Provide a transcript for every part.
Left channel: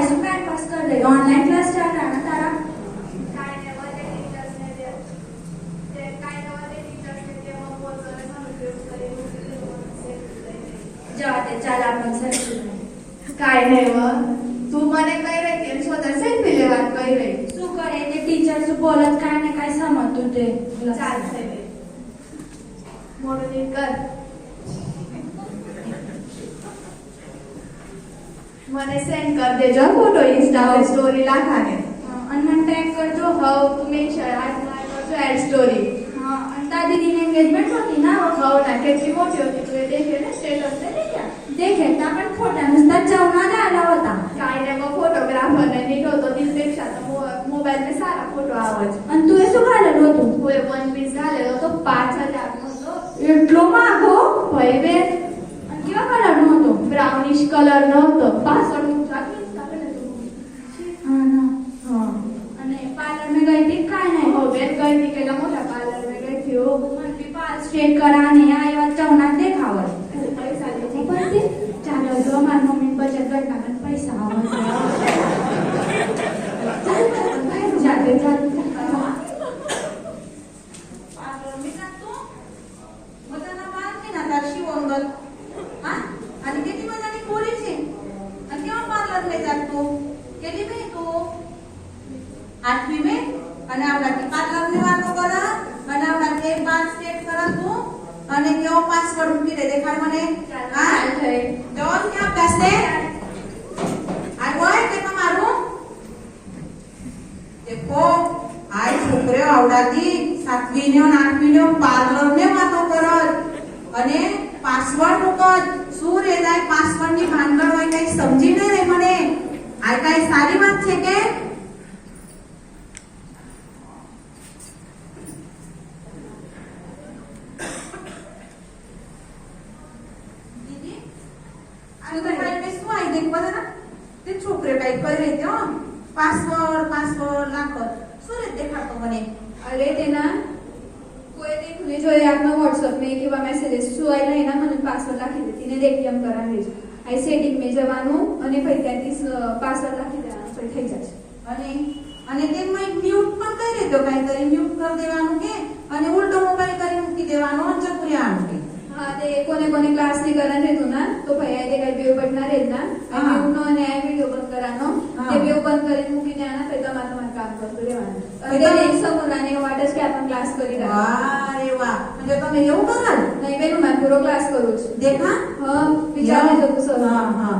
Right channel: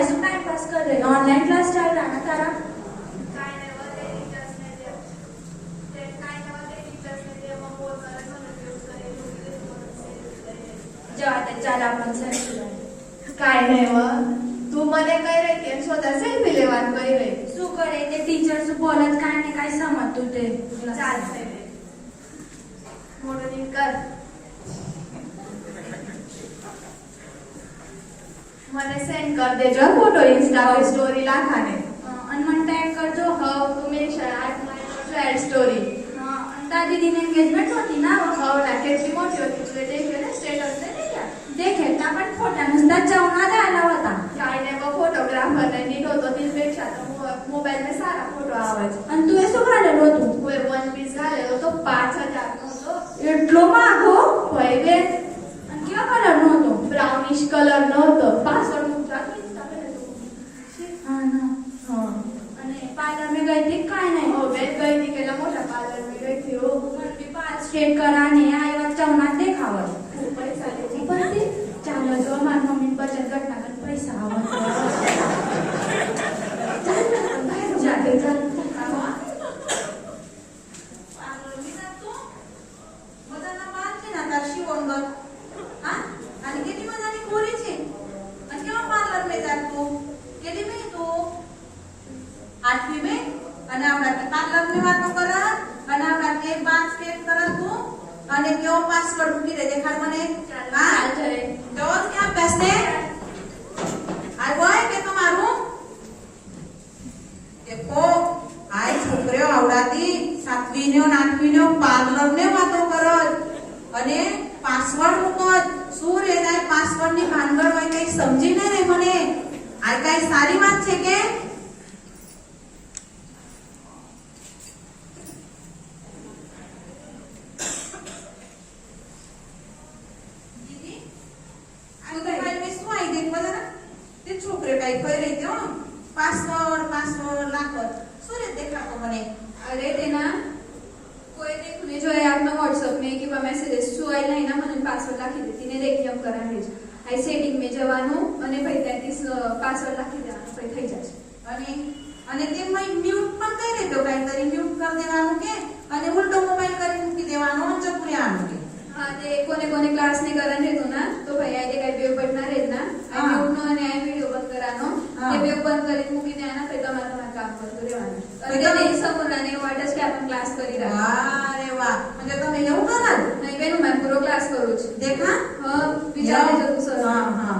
काय શું time pass कर रही हो ऑनलाइन क्लास चालू है ना तारा काय नाही व ते टीचर्स ने ते काय नाही व ते टीचर्स ने ते मग बोल कर उपयोग करे जेव्हा ते चाल आपण से काय नाही व तू મને કઈ રહી તેમ સોદા સેલ્ફી લેવા કઈ રહી શું કરે તે ટીચર શું બોલત काय ને काय સમજતું તે ચાલશે રે મોટો નીટ કર મને સેન્ડ કર દેજો ફોટો ઇન્સ્ટા પર સ્ટોરી લાખાને અને મને ટેગ કરજો હવ તું મેન્શન આજ એડ સ્ટોરી અને દાદી દીની એંગેજમેન્ટ होती ना હવ ના કેટલી મોટી હતી તું એ દેખ્યો ને સ્ટેટસ ને દેખ્યા देखे का पण फोटा नुसता जाऊन आला होता काय नाही मग फोटोग्राफर ने निघतो तो तीनपेक्षा मोबाईल में सारा फोटो आवाज आणि तू શું घालेलो तू तू એ वन पीस घालेलो तो 5000 નો હતો એટલો માગો હોય બે અને કેવા કલર નો હતો બ્રાઉનિશ કલર નો હતો પાસવર્ડ મૂકતા કે ઇન્સ્ટા હા ના હા અને પાર્લર में गई थी काय नाही हो बेन गई थी केला मोठा पार्लर में गई थी हो मन भी बाल स्ट्रेट कराने आई वाज जाऊनात देखावर पैसा देती पैसे चालो जो मार मम्मी बचत गट ना पैसा आवत जाते जाते मी जातो मजाला मारते ना तार शिवंग हा आणि किती मजानी खोरीची आणि केव्हा पार्लर में जात तू केली नाही तू 8वी में અને આવડા પાર્લર ની વાતો કરા અને આવડા કે 5 સ્ટેપ કરા તું અને કેવો પાસવર્ડ મૂકી દે દેખાડ મને હા જોન કે અભ્યાસ ને આ હોય કે તમારું देखो आई छोकरे आवडाती 7वी ने અને 8वी ने પાર્લર ને વાતો કરત અને પાસવર્ડ મૂકત શું રે દાય પાસવર્ડ ની ભાનગડ હોય કઈ સમજી ન રે મને આ કઈ સારી વાત છે કે દીદી આ તો ભાઈ મે શું આઈ દેખ બના તે છોકરે કઈ કરી રહી થયો पासवर्ड लाखत सूर्य देखा तो मने अरे ते ना कोई देखने जो है आपने व्हाट्सएप में कि वह मैसेजेस सु आई नहीं ना મને પાસવર્ડ લખી દે તેને દેખી એમ કરાવી છે આ સેટિંગ में જવાનું અને પછી ત્યાંથી પાસવર્ડ લખી દેવાનો પછી થઈ જશે અને તેમાં મ્યુટ પણ કરી દેજો કાંઈતરી મ્યુટ કરી દેવાનું કે અને ઉલટો મોબાઈલ કરી મૂકી દેવાનો જપુરી આનું કે હા તે કોને કોને ક્લાસ ને કરવાનું રહેતું ના તો ભાઈ આજે કઈ બેવ બટના રહે ના આ મ્યુટ નો અને આ વિડિયો બંધ કરવાનો તે બેવ બંધ કરી મૂકી દેવાના પછી તમારું કામ કરતું રહેવાનું અને તે સમૂહને વાટ જ કે આપણે ક્લાસ કરી રહ્યા વાહ રે વાહ म्हणजे તમે એવું કરો નહીં બેન હું પૂરો ક્લાસ કરું છું देखा હા વિચારે જવું સર हां हां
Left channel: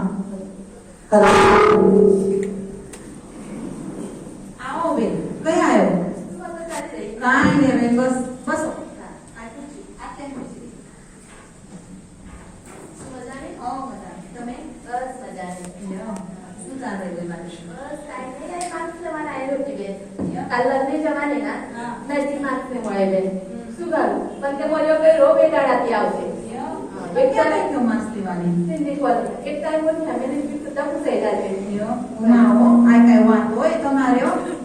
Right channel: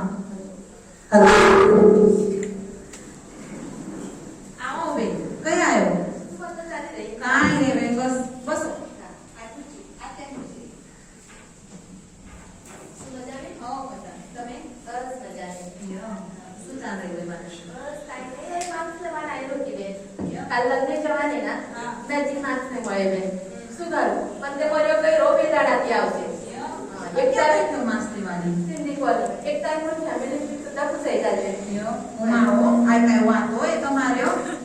आओ बेन कया आयो नाही रे बेन बस बस लग्न जवाने ना नजीक मार्क्स ने મળે શું કરું પણ તે મર્યો કઈ રો બેટાડાથી આવશે એક ટાઈમ તો માસ્તી વાળી સિંધી બોલ એક ટાઈમ પર ફેમિલી થી સુદ્धा પૂછાઈ જાય માઓ આ કઈ વાત હોય તમારે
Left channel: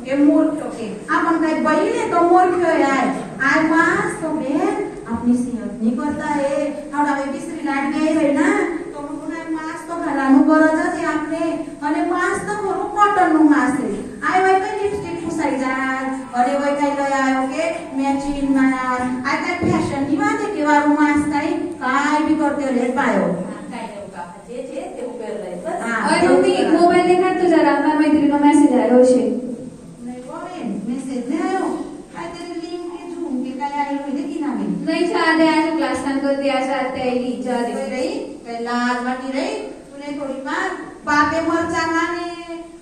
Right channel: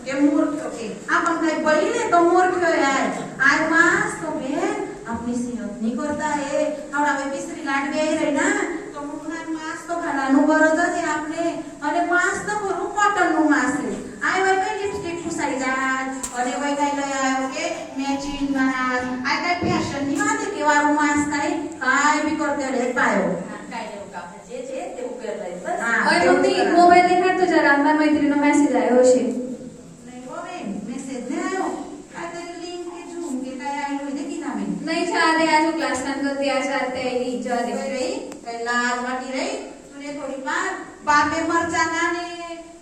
કે મૂર્ખ કે આ પણ કઈ બોલીને તો મૂર્ખ યાર आज मास तो बेन अपनी सेहत नहीं करता है थोड़ा में बिस्त्री लाट गई रही ना तो मुना मास तो घालानु गरज છે આપણે અને માસ તો ખરું કોટન નું માસ છે આય હોય કઈ લિપસ્ટિક પૂસાઈ જાય અને હોય કઈ લઈ આવ્યો કે મેચિંગ ના આ કઈ ફેશન ની વાત કે વારું માસ કાઈ બી કરતે રે પાયો કાઈ દેવું કાકા જે છે તે ઉપર લઈ બસ ઓય મમ્મી મોબાઈલ દેખાડ તો જરા મારી મૈત્રીનો મેસેજ આવ્યો છે નહીં હોય મેસેજ ને આવ્યો આ તે લિંક કે જોઉં કે કઈ આવ્યું દેખી ના બેન नहीं चाले आज क्लास टाइम कर दिया चाहते हैं नहीं चाले रही लाज वाटी रही तूने थोड़ी मार बापे मरचा नाने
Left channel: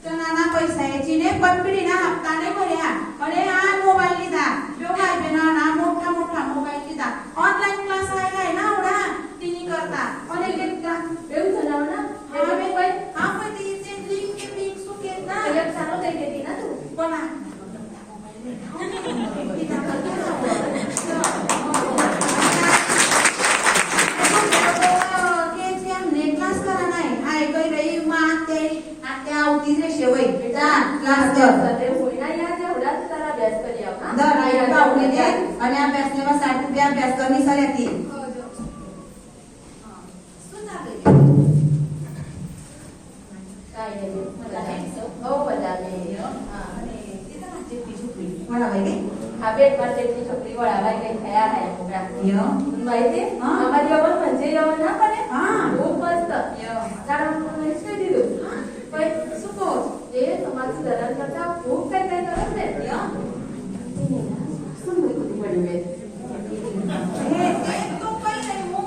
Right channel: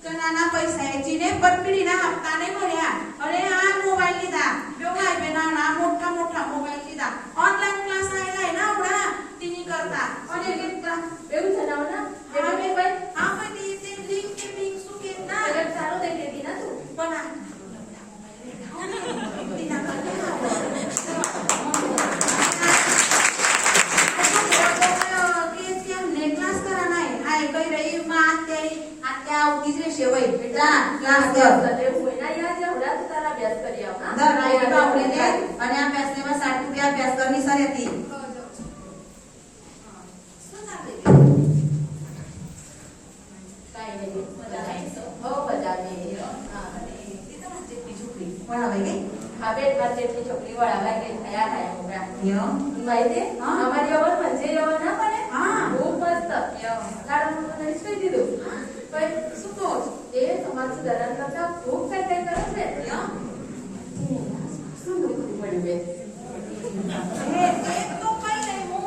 चनाना पैसा चीने पटपीडी ना हप्ता ने भर्या अरे आ मोबाईल लीधा बेव भाई बेना ना मोठा मोठा मोबाईल लीधा ऑनलाइन क्लास आयलाय ना आवडा तिनी करता અને કેટલા એવું જણાવ ના હા મોબાઈલ હા પણ તે લિંક કે લિંક શું કેતા એક સારો દઈ દેતી ના તું પણ આ તે હોઈના યા જેવડા તારા અભ્યાસ કરી આવના અને અભ્યાસ ને 60 રૂપિયા અભ્યાસ કરની સરેતી શું ના કાઈ નહીં મજા નહીં पहिले छोकरी वळावाय काही तयार आहे मोकळा य माहितीये हा. आम्हाला एवढं म्हणजे रवण ना पण हा. खूप मस्त झाडांना रिस्पेक्ट दिलो पण सुको ते समाज सुधारण करता खूप काय काय करत नाही सुंदर कधी पडवे તે તો કઈ નહીં હું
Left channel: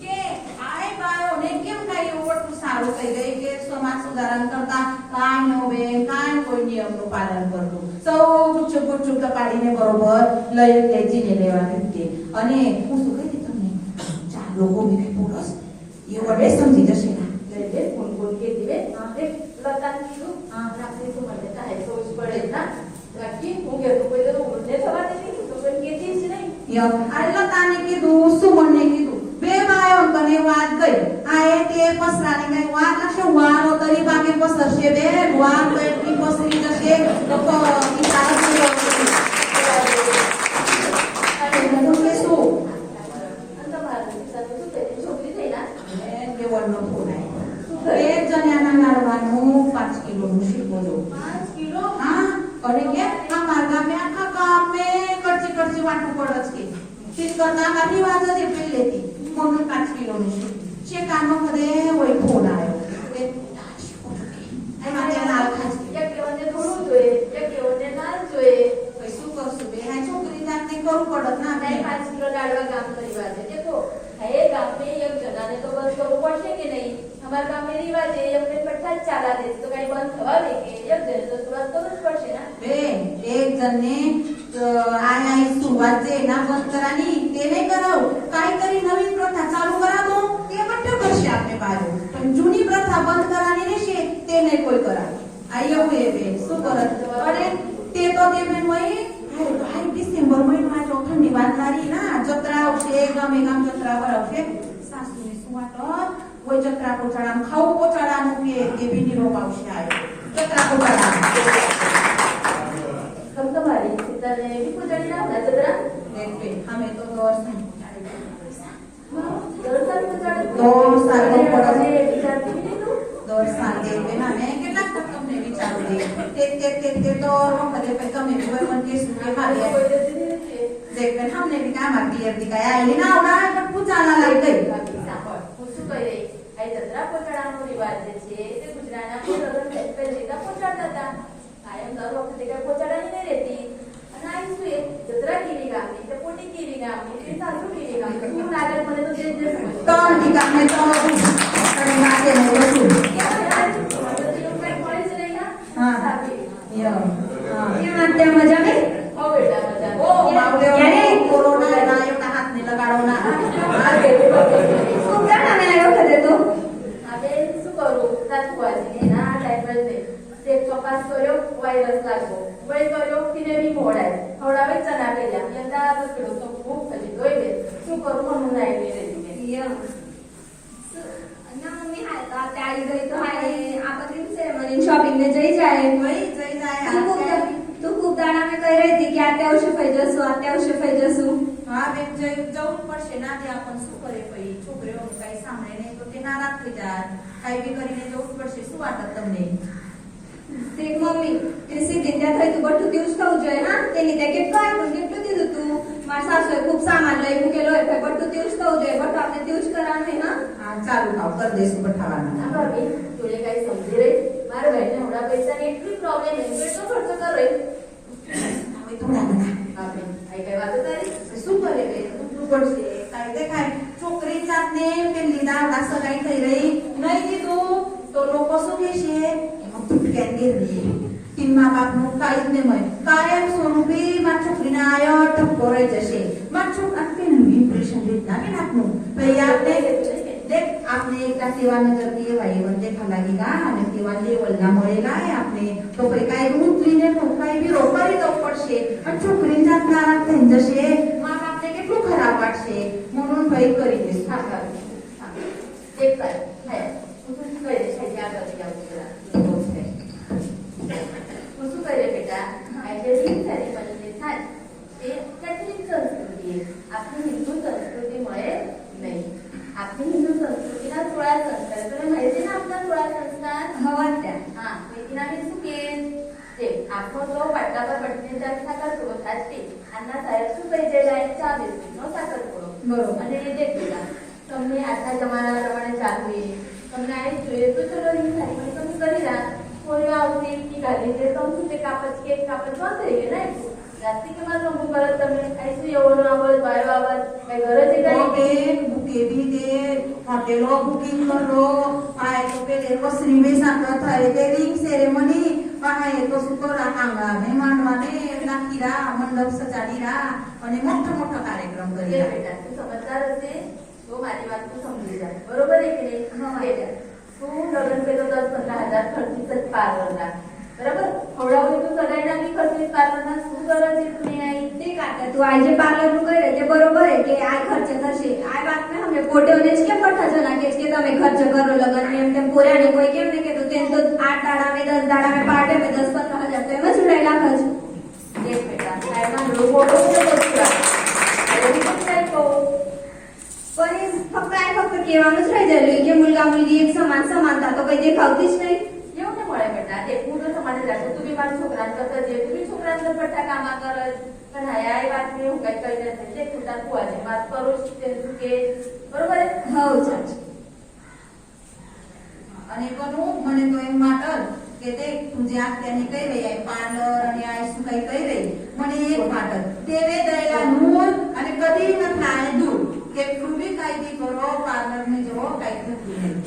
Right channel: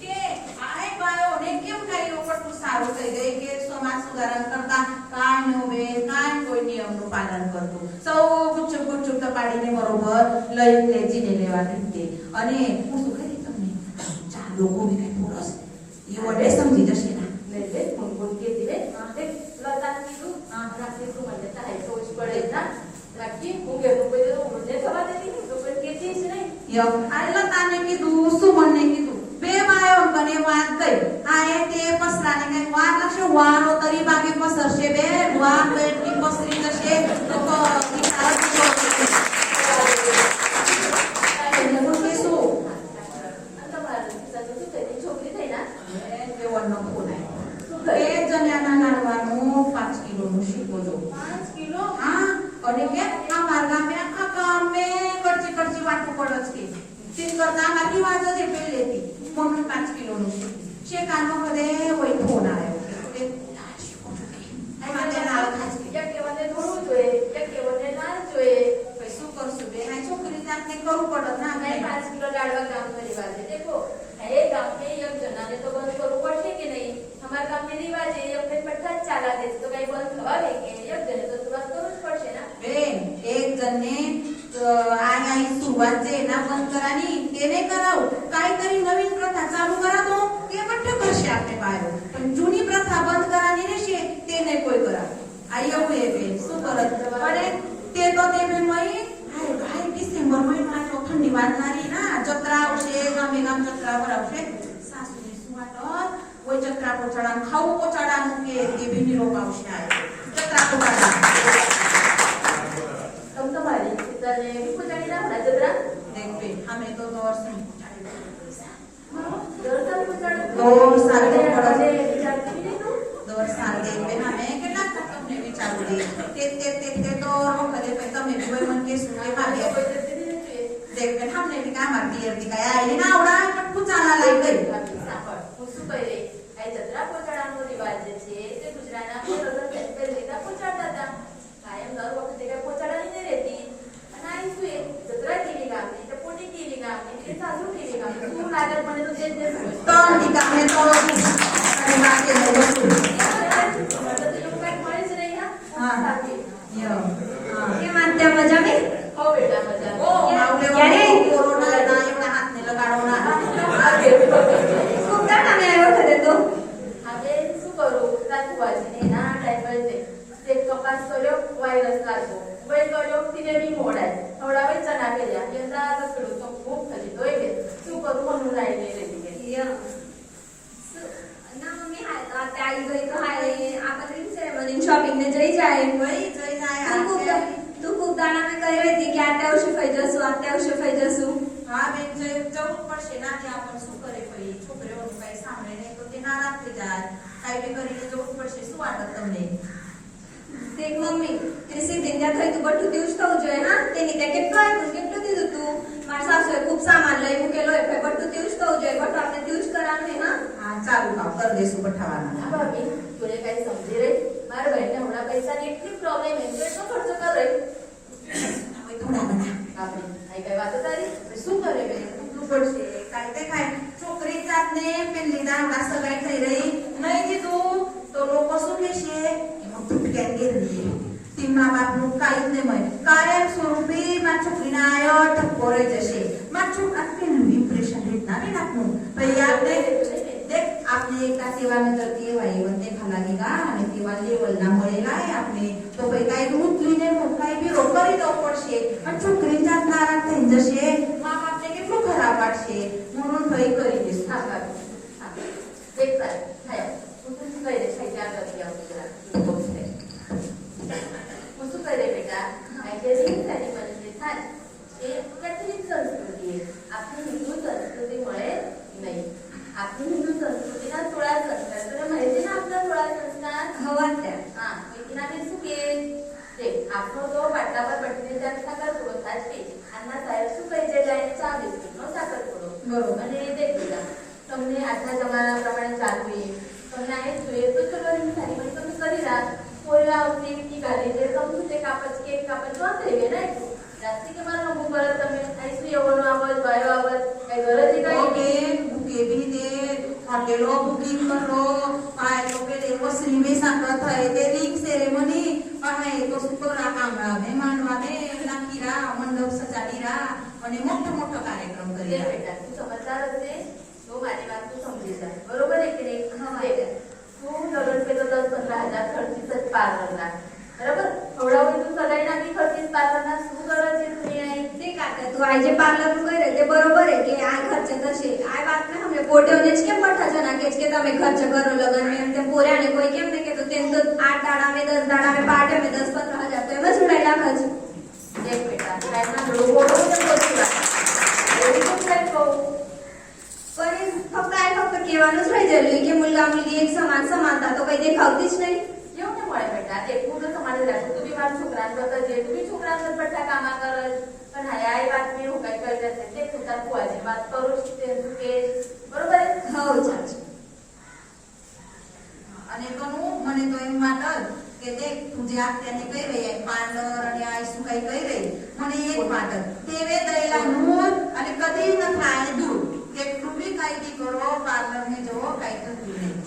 કે આય બાયો ને કેમ કાઈ ઓવરતું સારું થઈ ગઈ કે સમાજ સુધારણ કરતા કાઈ નો બે કાઈ કોઈ નિયમનું પાલન કરતું સૌ ગુચ્છુપ ગુચ્છુપ તપાડીને બરોબર લઈ લેજીને લેવા નીકળે અને હું શું કહી તમને ચાર લોકો બી કઈ બોલસ એ વડે સમજી જશે ના म्हणजे कोण के दिले ते लता किलो रात्री तो म्हणले आहे सोच पडेल ना राखी હું કે કોઈ તો ઉડને થવા દે તો કોઈ કેતી જ નહીં યો આટલા તાને કીધું સુમનને કીધું બે બાયો કને વાત ગઈ આ એ તે પસરાને કઈ વાત લાશે વારો તરી બાકી પસરશે બે વાર કઈની પસરી જશે તો સારા કિલો તો કેસો अंत भारत दिवसाचं त्याची छोकरी થઈ ના દેવળનો ફોન બે જણાના લાડવાનું 5 કિલોનું શીખવજો 5 કિલો હા અને કે આ માર્ગા મે આખા ગામ મે કરચી કરચી વાટું પડસ કે તીન કરતા મારી વાત હતી પહેલેથી મને 5 કિલોનું શેકાનો કદે હોય ફોન આવ્યો કે આ મારે નાલ ખાસ એક કેવને થોડું જોઈએ એક કેવને નાલ જોઈએ કઈ શું કરશું બે આ છોકરી જાતે કરવું પડત ના मैं 5 किलो लाडवा काम की बात है देखो है गांव में एक जना ने तो बंद करो पड़े कि नहीं हमारे गांव में रिवाज है अपने पट्टा चाला दे तो कहीं बंद थवा दे के एक जने तो तुरंत तो बंद पड़े ना બેન એક જણને આયા સુरुवात જે ના બંધ કરાની તેને કરાવ કાંઈતરી નવીન પ્રથા ચાલુ કરા દો તે માટે કરશે આપણે બાયો પણ જૂની પ્રથા બંધ કરાની રહેશે તેને કોઈ કરા આ એવું એ બેન શું કરત અને તે તો તે બેન મય ભાઈ ડિસેમ્બર મહિનામાં તો ઠંડી વાત મારી ના જત્રા આવશે ગામે ગામ જત્રા ભરાવશે સાસુની સુવાટ કોઈ જત્રા પોચાડાનું ખાવું પોચાડાનું કે તે બીની રોપ આવશે આ જત્રા પોચાડાનું तुम तो मारी सीता ने भी पुजारी ना जरा देखते हमें तो दौर से जरा साल पुजारी दौर साल तो पड़ा ने विचारती भी नहीं तू दौर साल देखते हमें કેટલા તક તમને વિચારો દે તે તો કદે पे તમે भी मन के सुन के मारे कोई देती नहीं है देखते हमने भी काम आती है दिखाया आई ना उड़ा पूजाला लग गई શું કહી રહી આ જત્રા પહોંચાડવાનો રિવાજ જે છે તે ગુજરાતના લગ્ન પહેલા પહોંચાડતા હતા કાયમ દર વખતે કઈ પહોંચાડવાની નહીં રહેતી અને આ શું એ જત્રા કેવી ગામની તે પોટી કેવી ગામની તે સાસુ કેવી ગામની શું લાગે મને તો જે ત્રણ ટીકા મે તો અને માથે નો બસું હા યો કેમ અત્યારે મજા में હો બેટા મજા ઓ માવડે કોરોના ના એના હાથ ને લગાડો ના खूप दाणा मिळाला होता तो હવે શું કરું સાસુવાજીને ના ટાઈમ પર તે કપાસ કર્યો વાયરસ લાગ્યો વય કર્યો તેને બી મોડાય હવડાવે ચણા કર્યા યંદા કકડો તો ખૂબ થતી દોઈ ગઈ શું કરું મને નાઈ નહીં રહેતી या ना मम्मी हाय आता आई गई तो हाय आपण से मनी शॉपिंग ने जई जाए વળી જઈ જાય तू खूप दाणा में कही रही थी कि आते वर्षी फैजसू હા બેન જવું પડશે ના તે આપણ શું કરે પછી છોકરીઓનું કઈ સાંભળે નહીં તો તે નારાજ થઈ જાય કઈ બી કરીને જવું પડશે શું વાત તમને ते मम्मी कृषी विद्या थई तू बटू दिवस खाऊ જોઈએ ना તેની તે કેટલો આપ્યું કેટલું દીધું તું મારા સાસુએ ખૂબ સામાન લઈ મૂકેલો એટલે બટુ દિવસ ખાऊ જોઈએ બટુ આપણે દિવસ કરવાનું હે ના હા ચાલુ ખાવ કરી દઈશું બઠાવાના હા ભાભી તું કઈ સમજી રહી મારા ભાઈને હમણાં પૈસાની એટલી પ્રોબ્લેમ એમ કેટલો ખર્ચો કર રહી હવે થોડા ઘણા ભાભી આ કઈ વાતો તારી શું કરે બેન ઉઠવું પડશે કાંઈ દેખાય છોકરી જાતને પેલી દાવા સગાઈ થઈ રહી નહીં દીધું તો લોકો શું કહેશે એમાં ફૂટકે ગેરવી તી મા બાપનું કાંઈ જ નહીં મળે કાયમ સ્વરૂપે માં છોકરીના આયો ઠપકો રહી જશે માં છોકરા પેલું ઇમ્પ્રેશન રીતના નહીં નાખવું પછી આપણે देख आपने एक सेवा नजर दिए भाई वंदे खाला गेला आणि तेव्हा लेवलला મળેલા આપણે તો ભાઈ કાઈ ઉતલીને મોકાઈ બી રોકડી દો પડશે અને છોકરી જાત નારાજ થઈ જશે માં બાપને કેટલું ખરાબ વાટશે म्हणून ભાઈ કરી દેસ હા ભાભી હા દેખ તાર થાય હું શું કરી દઈશ ત્યાં કરી ગયા હું શું કરે બેટા આ જે રીત તારી બની થાય એ કેટલી સંસ્કૃતિ છે આપણી હિન્દુ સંસ્કૃતિ મળે નહીં आपली हिंदू संस्कृतीला 16 संस्कार तुला माहिती ना आपला 16 संस्कार हवा त्या हा मेकिनाने सुके ते आपण तो वाटावर पटणे त्या साखर थोडं खाते अन्ना साहेब બરોબર. અને એ દેખી તમને આજના જમાના પ્રમાણે ચાલવું તમને આ જોઈએ તો ચલો એની સારી પણ તમે કરી રહ્યા થોડી આવતી કી ગાડી દે તો હું તે કાપચ કેક કાપચ બંધ થઈ ગયા ને રાત્રિ કે માં રંગુ બળદ તમે આઈસી એવોનો આવત બાયો આવત કઈ ગરજ ઓકે બુકે બી દે હોટેલો બુકિંગ કરો પાય તો પેલે વસરી બેસા થાય તે રિંગ સેરેમની પાય તો સુકરા કામરા મહેમાનવાને નાખીરા મંડપ સજાડીરા અને મોટો મોટો કાર્યક્રમ એ કરી બેટા તું સમજદાર હશે તો મારી વાત તું સમજી જા બરોબર છે કે નહીં તું લગ્ન કે તો 10-15 હજાર ખર્ચી જ પાર્લરના બરાબર થોડા બધું સગાઈના બી ખર્ચી પાર્લરના શું કરે છે તું અહીં તે કાકા તું આજે પાર્લર નું કરે તે બરોબર હે કે આ ખર્ચ થશે આ વાત ને હમે પોટેઓને જ કેમ મોટા જણા કે છે કે તમે ખર્ચ કરો લગન ને એમ તેમ પોરાને કોઈ કેમ ને કે તો તેમ તો 8 દાડા મે 10 દાડા મે પાર્ટે મે 10-15 હજાર તો એમ જ ઉડાઈ નાખે છે એક બેટા સાહેબના લોકો બહુ જ બોલ્યા એવું તો કઈ કહું પણ એ ફક્ત કહેવાનું જ રહી ગયેલું કે મુલગા મુલગી એક સમાન સમાનતા તો કઈ દેખાવતી જ નહીં એવું ને મળે બેટા તે પૂરો સમાજ રાખે તું બી મારા છોકરાને કરતા જે તું બી છોકરાને પટ્ટા કામા કરે પણ હા આ વાત મેં હું કઈ કહી દેશે તે ખોટા કુવા છે વાત કરું છું તે તું કે બરોબર હઉ ચાચી અને બનુ મને તો એમ વાત કે તે તું જે અત્યારની કહી રહી આ પાર્લર અને આ શું કઈ કહી રહી મને એક વાત તેવે દયેલા નૂર અને કદી ન થાય દૂર કે બી કઈ બી કરો પાર્લર में જવો કઈ થતું નહીં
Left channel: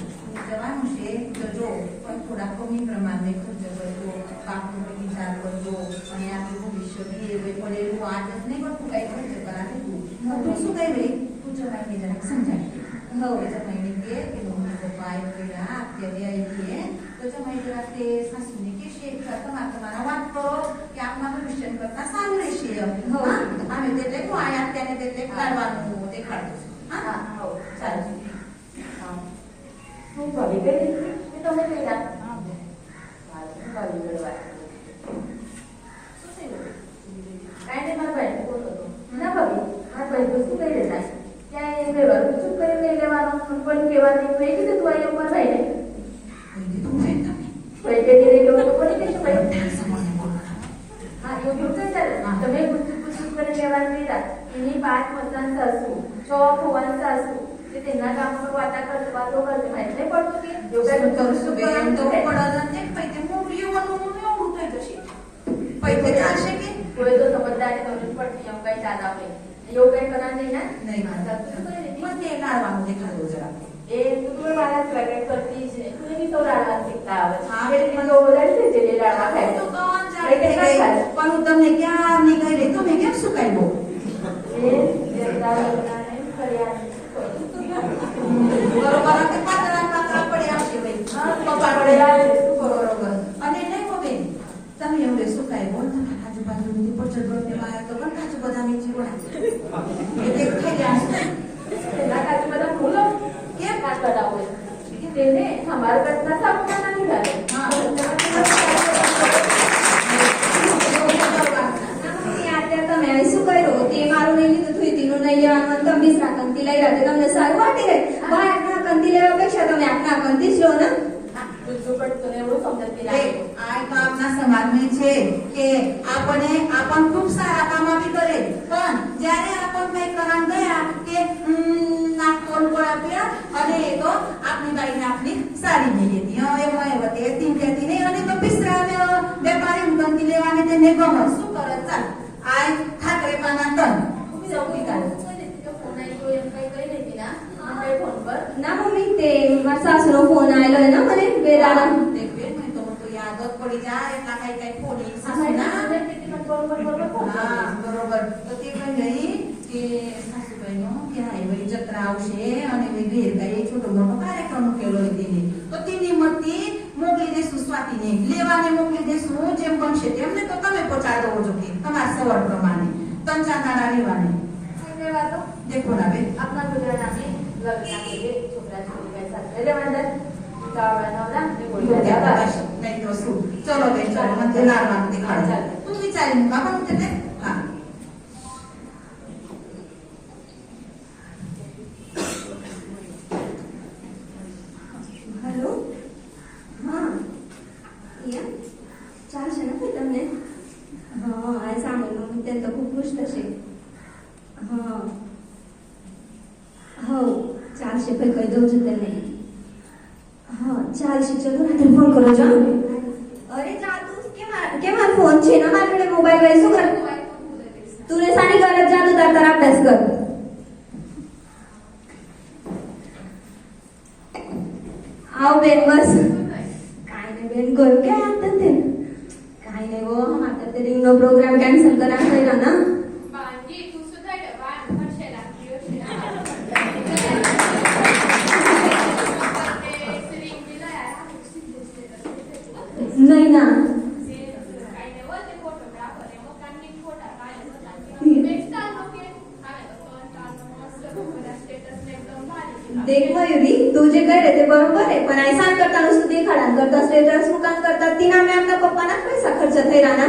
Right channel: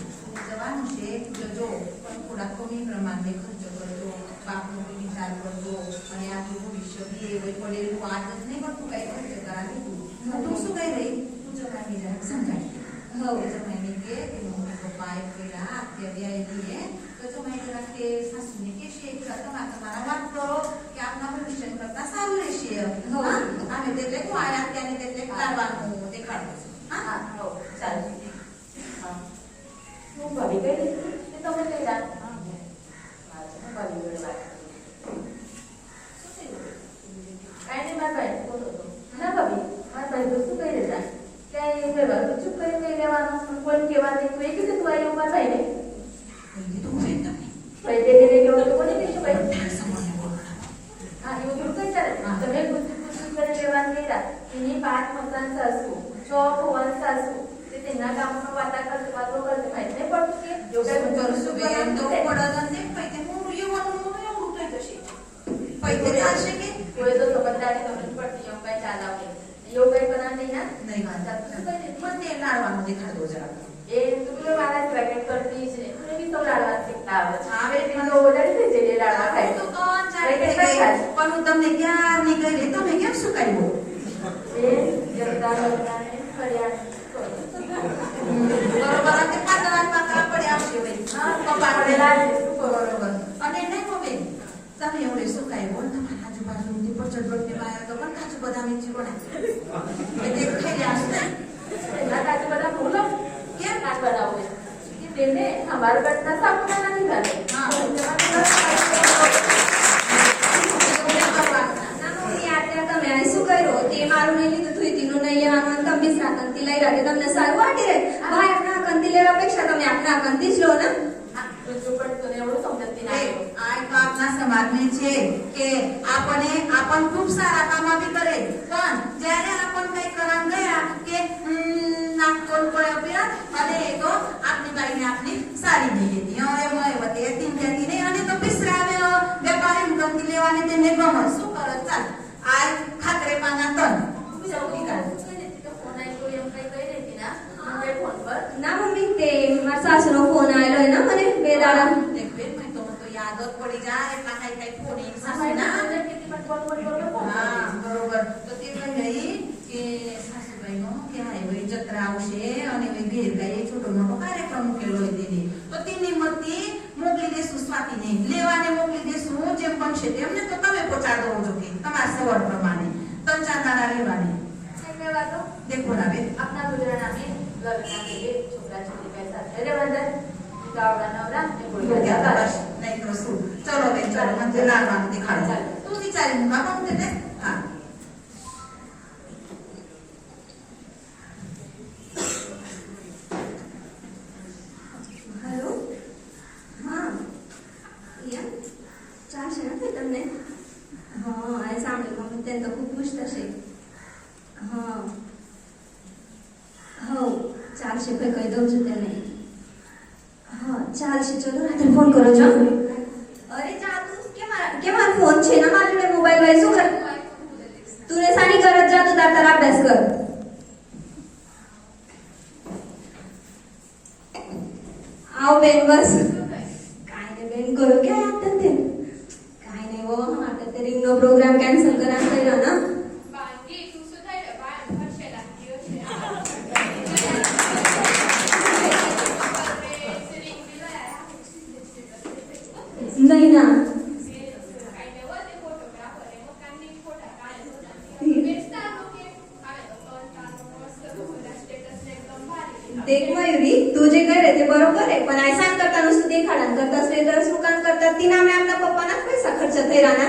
જવાનું છે જો પણ થોડા કમી પ્રમાણે ખર્ચો કરજો બાપનો વિચાર કરજો અને આપણું ભવિષ્ય બી એ પડેલું આજ જ નહીં પણ તું કઈ ખર્ચ કરાવી તું શું કહી રહી તું જણાવી જરાક સમજાવી હવે જમાઈને કે મમ્મી પપ્પા એ કહેલા અત્યારે આવી તો જમાઈ જરા કે સાસુને કહેશે કે તમારા વાત કરો કે આપના ભવિષ્ય કરતા સારું રહેશે અમે એટલે હું આયા અત્યારે એટલે કરવાનું દેખાડે હા હો ચાલ હું ભાભી કઈ તે તમે કઈ જા ભાભી વાત કાઈ મારા ભાઈ બોલો ના ભાભી મારા ભાઈ તો શું કહી દેતા ક્યાં એમ રહેવાનું ચૂપ કરી કઈ લેવાનું પણ કહેવાની તું એ કીધું તું અહીંયા ઉભા થઈને ભાઈ તે લઈ ગયો તો કોની કહીશું ભાઈ હા એવું થોડું કઈ ચાલે તમે પૂછું કરી લેવાનું લીધા એની 5 મસાન સાસુ 6 ફુવાન સાસુ તે તેના કામ પર વાતા કરતો વાતો કરતો માહિતી નહીં પડતું કે યોગા કરશું બેન તો પડે ને પૈતે મોટું એવું મોટું થઈ જશે પૈતે ચાલશે કે કોઈ તો સમજદારી સમજ પડતી એમ કઈ ચાલ આવે એવું કઈ બના નહીં ના નહીં માતા તું કઈ નથી મને તે લાડવાનું દેખાડો જરા એ તું તો મારા ટ્રેક કરતી છે તું બી તો લાડવા શીખતા આવે હા, હવે તે તો વધારે છે જે લાડવા ખાય તો તો પણ હું તમને ક્યાં નીકળી તમે કેમ શું કાઢ્યો એ જતા કર્યા બરોબર કે પાતળા પડ્યા આવશે ભાઈ કપા પડેલા બરોબર અને નહીં કો બેન તમે એવડે શું કાઢ્યો તમારા આજુબાજુ બધી પચડ બળને માયા તો પણ કાચું બદામી ચીરો એટલે ખાઈ રહ્યા એના કાજુ બધા ભૂલો કેમ વાત કરાવે કે તેને અમાર કરતા સાપના નથી ગાલે તમે આ શું કર્યો તે મારું નહીં લીધું થયું તેનું નહીં લેવાનું તમે બીસરા કંતી લઈ રહ્યા તમને સારું વાટી રહે ભાઈ આપના કંતી લેવા અપેક્ષા તમે આપના કંતી જ લો ને બીજું પણ તને એવું સમજતી ના આ તો આપના સમાજમાં છે કે આપણ ખૂબ સારા કામ આપી કરે પણ જ્યારે આપણ કઈ કામ ગયા કે નાક કોણ આપ્યા અને એ તો આપની બાઈને આપની સારી નહીં હતી હવે મોય વતે તીન કેતી નહીં અને તો બિસરાવે વેપારી કંતી લેવાની તેને ગમે શું કરે ચાલ આ ખાતરે પાના તન સૌથી કાઢ ફોન આવ્યો એમ કઈ કહી દેતી ના મને ફોન પર ના મમ્મી તે મારા સાસુનો ફોન આવેલો ને મને બે દાડા દેખ બેન મને તો યાદ જ પડી જાય એટલા કઈ ફોન એક સાસુ ના હા બરોબર તો તે પણ ગઈ કે સાસુભાઈનો કે હાઈ ભાઈ જત્રા આવશે અને મેં ઘેર ગાય છોટો મોટો કાર્યક્રમ મૂકેલો હતી તો તેની મતી મોકલી દેશું સ્વાતિને લેવાને મોકલી દેશું જેમ બનશે તેમને તો તમે પહોંચાડો છો કે તમારા સવર પ્રમાણે 3-4 દાડા રહેવાની દેખો ના બેન આપના ગુજરાત નામે લગ્ન કે છોકરા છોકરી પૈસા રે મંદર ગાવડા નવરા એ બોલ નહીં તો શું ચલો બેન ચાલો મને લાડવાનું દેખાડો તું વિચારી બાપા હું તે હા હેલો હા યા ચાલશે ને ભાઈ તમને હા એ સાંભળ્યું મમ્મી તેને તો ખૂબ ખુશ થશે હા ચાલશે ભાઈ કહી દઉં છું તને હા ચાલશે ચલો રાત્રે ફોન કરો છો અરે જા તું કે મારો ફોન છે ના મારા જોડે મોબાઈલ હોય શું કર તું ને સાની ઘર જ જા તું તારા અભ્યાસ કર આવ બેન બસ કાંઈ નહીં બેન ગયો કે આ તને કાંઈ નહીં વો માટે તે રિંગનો પ્રોગ્રામ કેન્સલ કરાવ કર્યો ના બાકી તું શું થાય બાર વર્ષે લાગ્યો છે નહીં ના देख मयुरी तू जे करे ते बरोबर आहे पण ऐसा करता नुसतं देखाडा करता स्टेटस दुकान करता तिना मी आपल्या पप्पाना पैसा खर्च થઈ રાના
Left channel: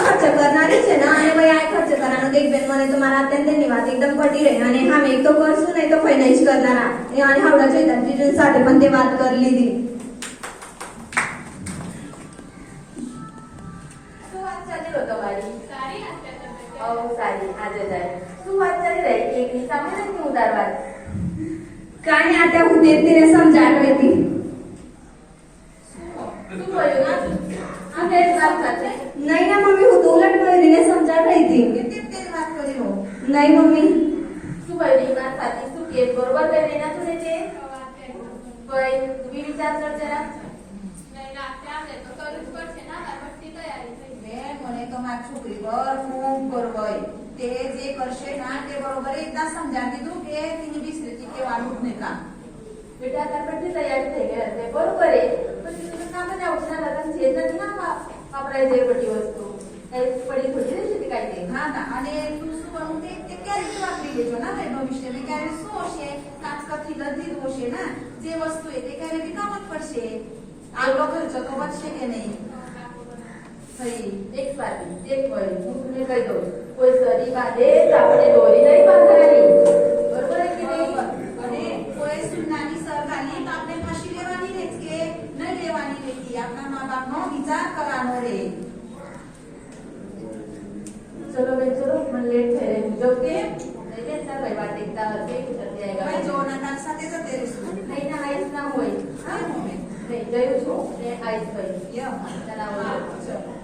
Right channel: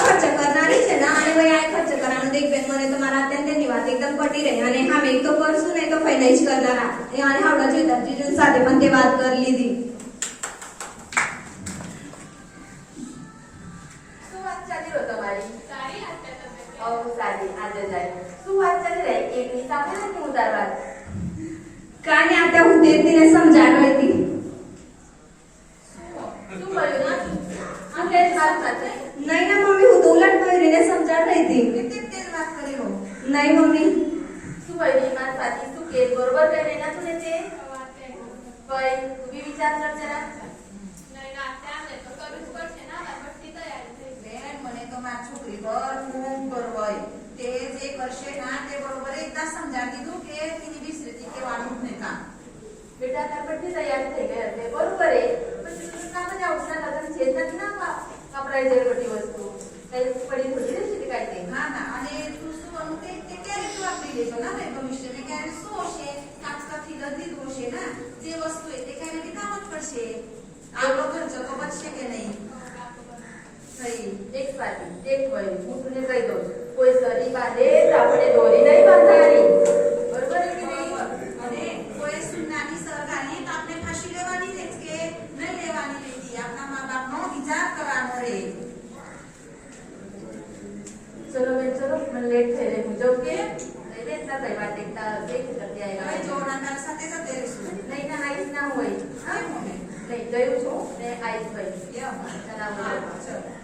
खर्च करणारी છે ના અને ભાઈ આ ખર્ચ કરવાનો દેખ બેન મને તો મારા અત્યંતની વાત એકદમ પટી રહી અને હા મેં એક તો કરશું ને તો ફાઇનાન્સ કરનારા એ અને હાવડા જોઈતા જીજુ સાથે પણ તે વાત કરી લીધી શું વાત ચાલી રહ્યો તમારી સારી સારી આજે જાય શું વાત ચાલી રહી એકની સામે નથી ઉતારવા કાને આતે હું દેતીને સમજાવી હતી શું બોલ્યો ના આપણે વાત સાથે નહીં ના મમ્મી હું તો ઉલટ મયુરીને સમજાવી રહી હતી તે વાત કરી લો નહીં મમ્મી શું બોલી વાત સાચી શું કે બરોબર કઈ ના તું ને તે ભાઈ તું બી વિચાર કર જરા નહીં ના ત્યાં તો કરવું જ પડશે ના બધી તૈયારી થઈ બેન મને તો મારી છોકરી પર ખૂબ ગર્વ હોય તે જે કરશે ના તે બરોબર એકદમ સમજાવી દીધું કે તેની વિસરીથી કહેવાનું જ નહીં કામ બેટા તાર બધી તૈયારી થઈ ગઈ હશે બરોબર એ પછી તું ના બનાવું છે લગન છે નથી ના વાપરાય જાય બધી વસ્તુ તારી પડી થોડી રહેશે તે કાંઈ નહીં હા ના અને તું શું બનવું તે ક્યારે વાપરી લેજો ના ભાઈ ભવિષ્યમાં ક્યારે શું હશે કાચકથી લીધું હશે ના જે વસ્તુ એ તે ક્યારે વિકામ જ પડશે આગળ ખર્ચો તો બચશે કે નહીં થઈ એક પાટી એક હોય હું તને કહી દઉં કોઈ સરી બાંધે તો આપણે દોરી નહીં બાંધવાની બરોબર છે કે નહીં અને કોઈ સુનાની સરકારની તો આપણે ફાંસી લેવાની રહે કે નહીં લેવાની રહેતી આપણા મા બાપનો વિચાર કરવાનો રહે ચલો બેન ચલો મને લેટ થઈ રહ્યું જો કે નહીં લેતા ભાઈ વાત એકતા એક જતી હવે આવી જો ના તાર સાથે જતે રહીશું નહીં ના આઈસ ના હોય હા મમ્મી નહીં ગયું છું ને આઈસ ભાઈ યો ચલાવો ચલો